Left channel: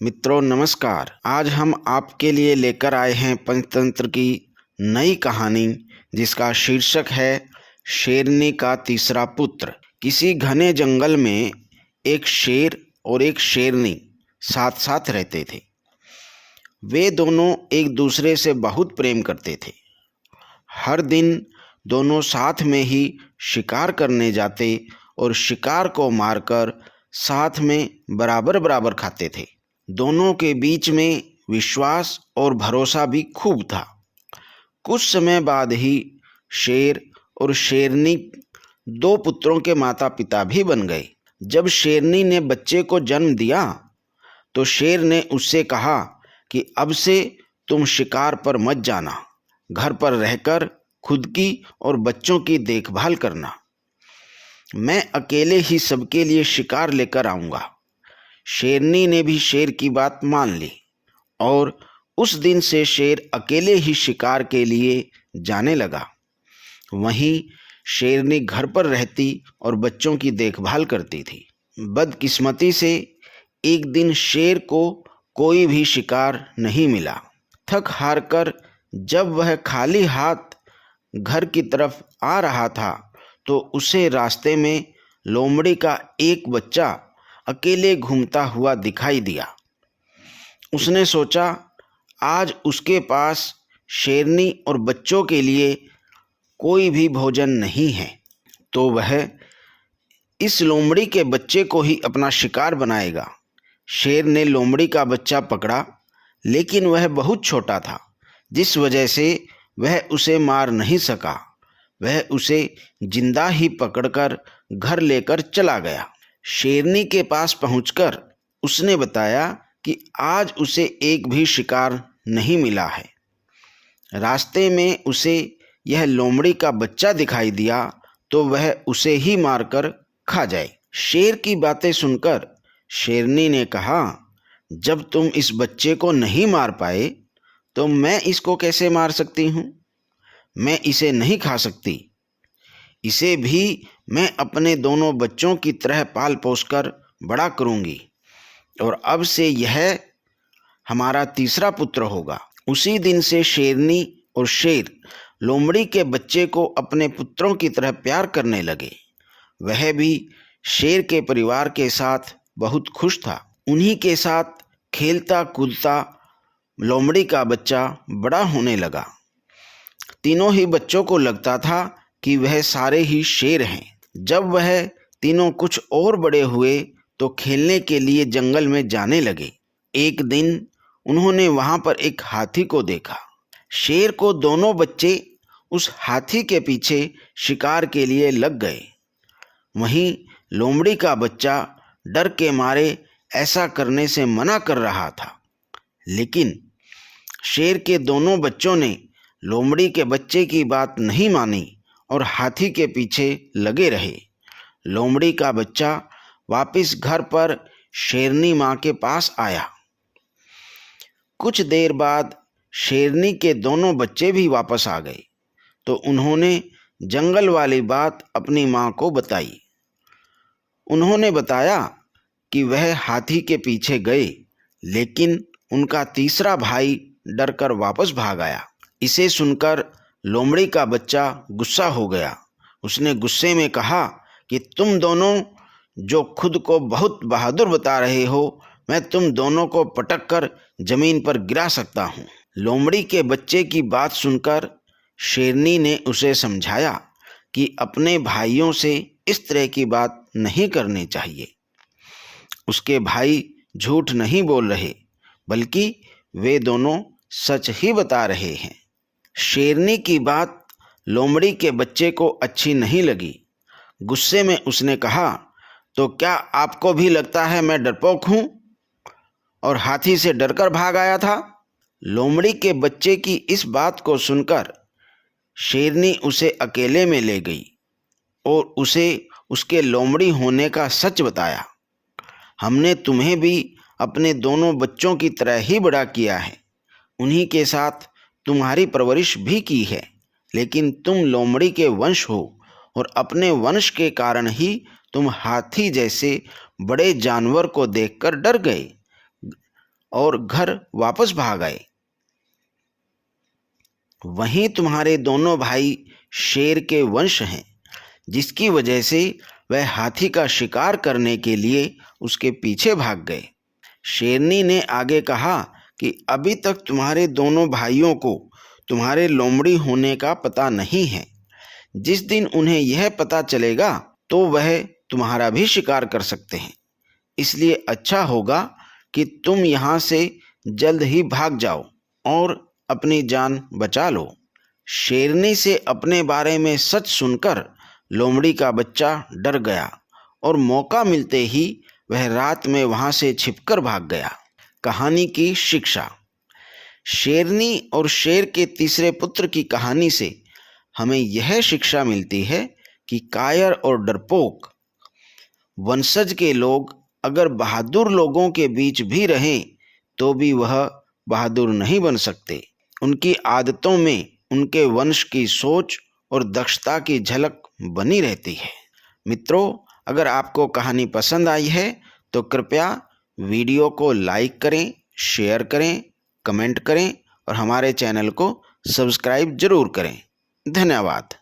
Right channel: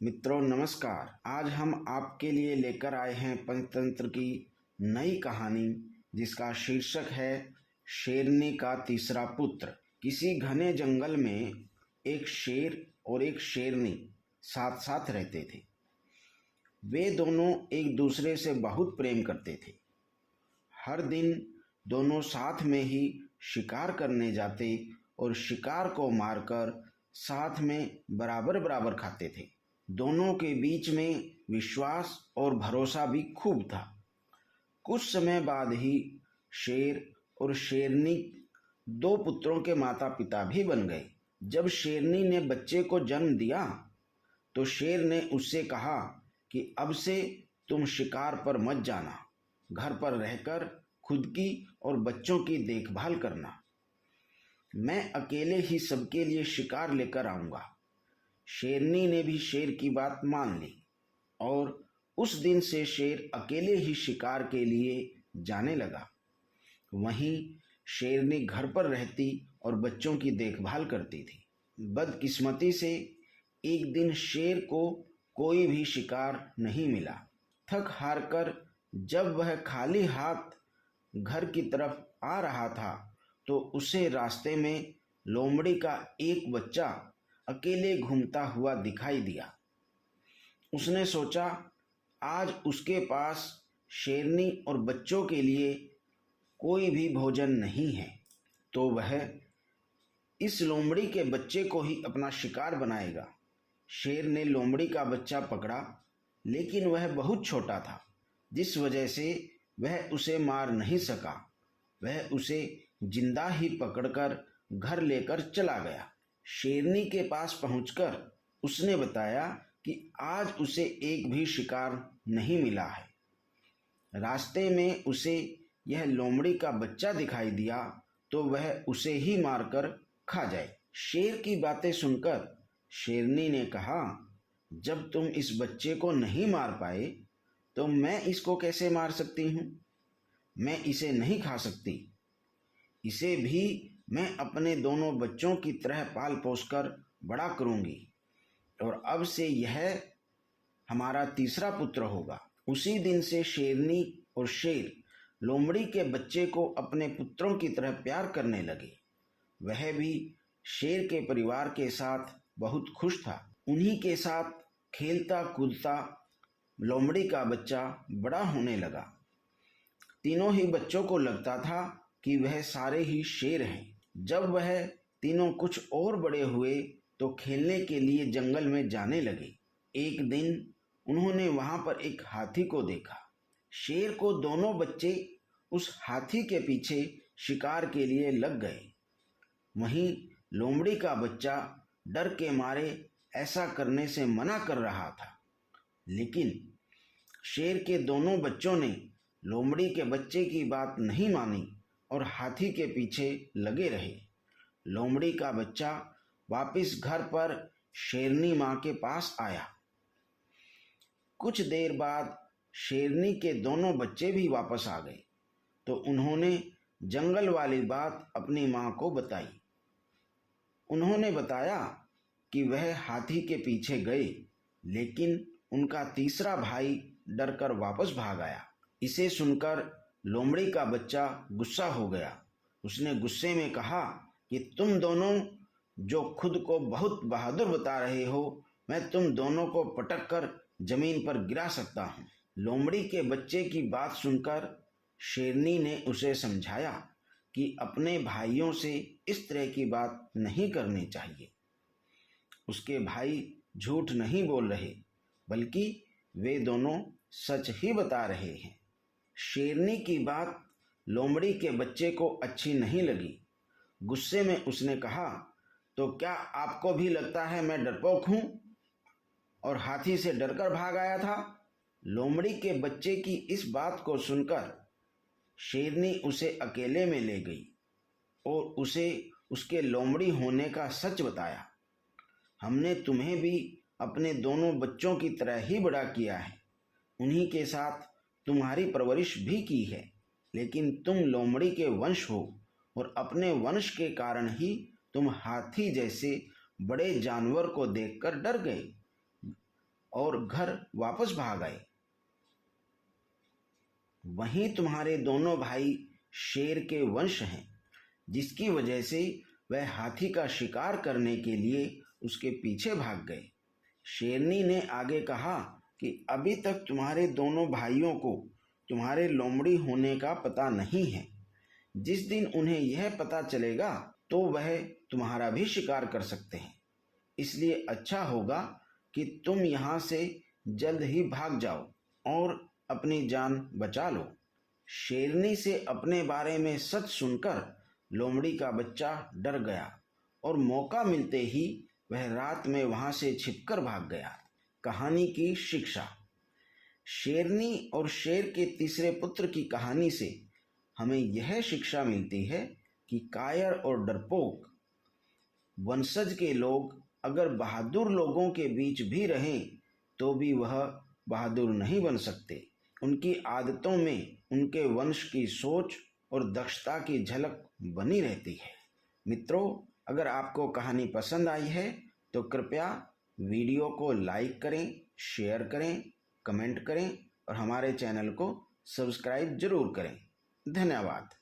मित्रों नमस्कार। आज हम आपके लिए लेकर आए हैं पंचतंत्र की नई कहानी जिसका शीर्षक है शेरनी का तीसरा पुत्र। किसी घने जंगल में एक शेर और एक शेरनी साथ साथ रहते थे। वे दोनों एक दूसरे से बहुत प्रेम करते थे। हर दिन दोनों साथ में ही शिकार करने जाते और शिकार को मारकर साथ में बराबर बराबर खाते थे। दोनों के बीच में विश्वास और भरोसा भी खूब था। कुछ समय बाद ही शेर और शेरनी दो पुत्रों के माता पिता भी बन गए। जब शेरनी ने बच्चे को जन्म दिया तो शेर ने उससे कहा कि अब से तुम शिकार पर मत जाना, घर पर रहकर खुद की और बच्चों की देखभाल करना। मैं अकेले ही सबके लिए शिकार लेकर आऊँगा। शेरनी ने भी शेर की बात मान ली और उस दिन से शेर अकेले ही शिकार के लिए जाने लगा। वहीं शेरनी घर पर रहती और बच्चों की देखभाल करती थी। बदकिस्मती से एक दिन शेर को कोई भी शिकार नहीं मिला। थक हार कर जब वह खाली हाथ घर की तरफ आ रहा था तो उसे रास्ते में लोमड़ी का एक बच्चा अकेले घूमता हुआ दिखाई दिया। उसने सोचा आज उसके पास शेरनी और बच्चों के लिए कोई भी भोजन नहीं है तो वह इस लोमड़ी के बच्चे को ही अपना शिकार बनाएगा। शेर ने लोमड़ी का बच्चा पकड़ा, लेकिन वह बहुत छोटा था, जिस वजह से वह उसे मार नहीं सका। वह उसे जिंदा ही पकड़कर घर लेकर चला गया। शेरनी के पास पहुंचकर उसने बताया कि आज उसे एक भी शिकार नहीं मिला है। रास्ते में उसे यह लोमड़ी का बच्चा दिखाई दिया तो वह उसे ही मारकर खा जाए। शेर की बातें सुनकर शेरनी ने कहा, जब तुम इस बच्चे को नहीं मार पाए तो मैं इसको कैसे मार सकती हूँ? मैं इसे नहीं खा सकती। इसे भी मैं अपने दोनों बच्चों की तरह पाल पोस कर बड़ा करूँगी और अब से यह हमारा तीसरा पुत्र होगा। उसी दिन से शेरनी और शेर लोमड़ी के बच्चे को अपने पुत्रों की तरह प्यार करने लगे। वह भी शेर के परिवार के साथ बहुत खुश था। उन्हीं के साथ खेलता कूदता लोमड़ी का बच्चा बड़ा होने लगा। तीनों ही बच्चों को लगता था कि वह सारे ही शेर हैं। जब वह तीनों कुछ और बड़े हुए तो खेलने के लिए जंगल में जाने लगे। एक दिन उन्होंने वहां पर एक हाथी को देखा। शेर को दोनों बच्चे उस हाथी के पीछे शिकार के लिए लग गए। वहीं लोमड़ी का बच्चा डर के मारे ऐसा करने से मना कर रहा था, लेकिन शेर के दोनों बच्चों ने लोमड़ी के बच्चे की बात नहीं मानी और हाथी के पीछे लगे रहे। लोमड़ी का बच्चा वापस घर पर शेरनी माँ के पास आया। कुछ देर बाद शेरनी के दोनों बच्चे भी वापस आ गए तो उन्होंने जंगल वाली बात अपनी माँ को बताई। उन्होंने बताया कि वह हाथी के पीछे गए, लेकिन उनका तीसरा भाई डरकर वापस भाग आया। इसे सुनकर लोमड़ी का बच्चा गुस्सा हो गया। उसने गुस्से में कहा कि तुम दोनों जो खुद को बहुत बहादुर बता रहे हो, मैं तुम दोनों को पटक कर जमीन पर गिरा सकता हूँ। लोमड़ी के बच्चे की बात सुनकर शेरनी ने उसे समझाया कि अपने भाइयों से इस तरह की बात नहीं करनी चाहिए। उसके भाई झूठ नहीं बोल रहे, बल्कि वे दोनों सच ही बता रहे हैं। शेरनी की बात लोमड़ी के बच्चे को अच्छी नहीं लगी। गुस्से में उसने कहा, तो क्या आपको भी लगता है मैं डरपोक हूँ और हाथी से डरकर भाग आया था? लोमड़ी के बच्चे की इस बात को सुनकर शेरनी उसे अकेले में ले गई और उसे उसके लोमड़ी होने का सच बताया। हमने तुम्हें भी अपने दोनों बच्चों की तरह ही बड़ा किया है, उन्हीं के साथ तुम्हारी परवरिश भी की है, लेकिन तुम लोमड़ी के वंश हो और अपने वंश के कारण ही तुम हाथी जैसे बड़े जानवर को देखकर डर गए। और घर वापस भाग आए। वहीं तुम्हारे दोनों भाई शेर के वंश हैं, जिसकी वजह से वह हाथी का शिकार करने के लिए उसके पीछे भाग गए। शेरनी ने आगे कहा कि अभी तक तुम्हारे दोनों भाइयों को तुम्हारे लोमड़ी होने का पता नहीं है। जिस दिन उन्हें यह पता चलेगा तो वह तुम्हारा भी शिकार कर सकते हैं। इसलिए अच्छा होगा कि तुम यहाँ से जल्द ही भाग जाओ और अपनी जान बचा लो। शेरनी से अपने बारे में सच सुनकर लोमड़ी का बच्चा डर गया और मौका मिलते ही वह रात में वहाँ से छिपकर भाग गया। कहानी की शिक्षा। शेरनी और शेर के तीसरे पुत्र की कहानी से हमें यह शिक्षा मिलती है कि कायर और डरपोक वंशज के लोग अगर बहादुर लोगों के बीच भी रहें तो भी वह बहादुर नहीं बन सकते। उनकी आदतों में उनके वंश की सोच और दक्षता की झलक बनी रहती है। मित्रों, अगर आपको कहानी पसंद आई है तो कृपया वीडियो को लाइक करें, शेयर करें, कमेंट करें और हमारे चैनल को सब्सक्राइब जरूर करें। धन्यवाद।